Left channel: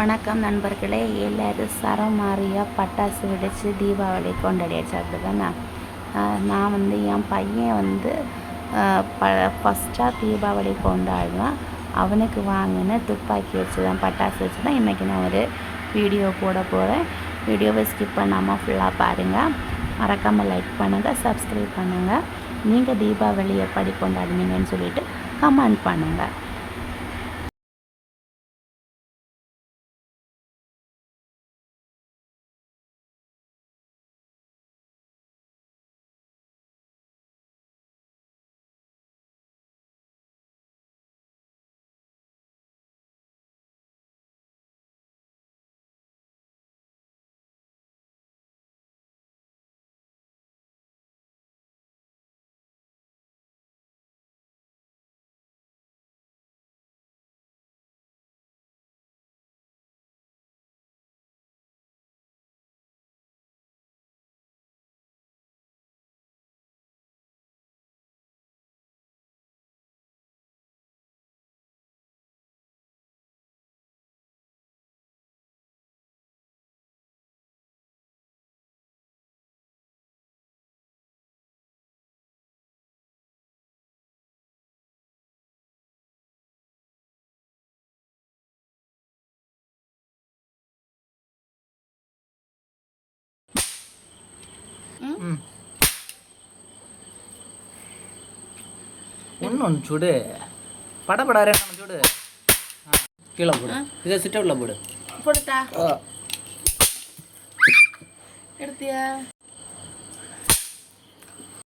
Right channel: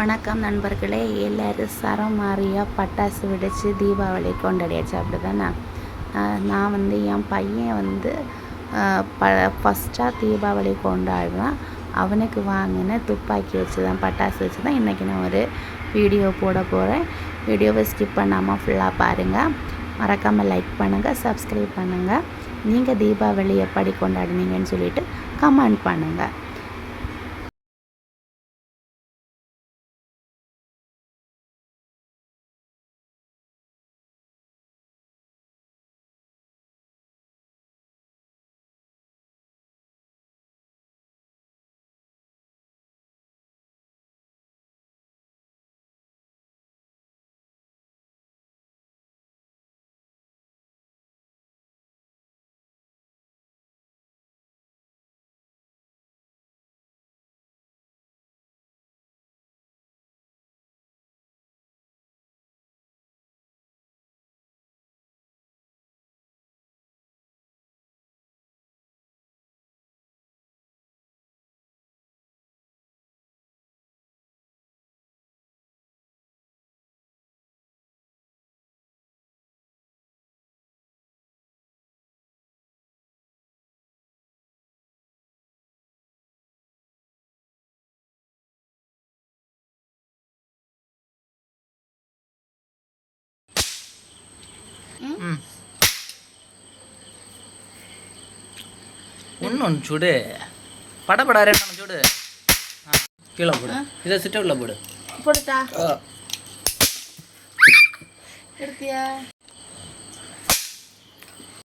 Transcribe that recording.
வணக்கம் நண்பர்களே, எல்லோரும் சரம் மாறியாக பட்டாசு வெடித்து தீபாவளி கொண்டாடியாச்சு. அப்படி தானே நான் என் பையன் ஃபஸ்ட்டாக தீபாவளி கொண்டாடுறான். அவனுக்கு வாங்கின துப்பாக்கி வச்சு தான் பட்டாசு வச்சு தான் இன்றைக்கி நான் ஒரு வீடியோ போட போகிறேன். வீடியோவை ஸ்கிப் பண்ணாமல் ஃபுல்லாக பாருங்கள். மறக்காமல் லைக் பண்ணுங்கள், சப்ஸ்கிரைப் பண்ணுங்கள். நீங்கள் தீபாவளி எப்படி கொண்டாடினீங்கன்னு சொல்லிவிட்டு கமெண்ட் பண்ணுங்கள். ஒன்று சுடு படப்படா ரெண்டு சுடு கீழே போடு. இதை சிட்டவுல போடு. போடுட்டா எடுத்தியா?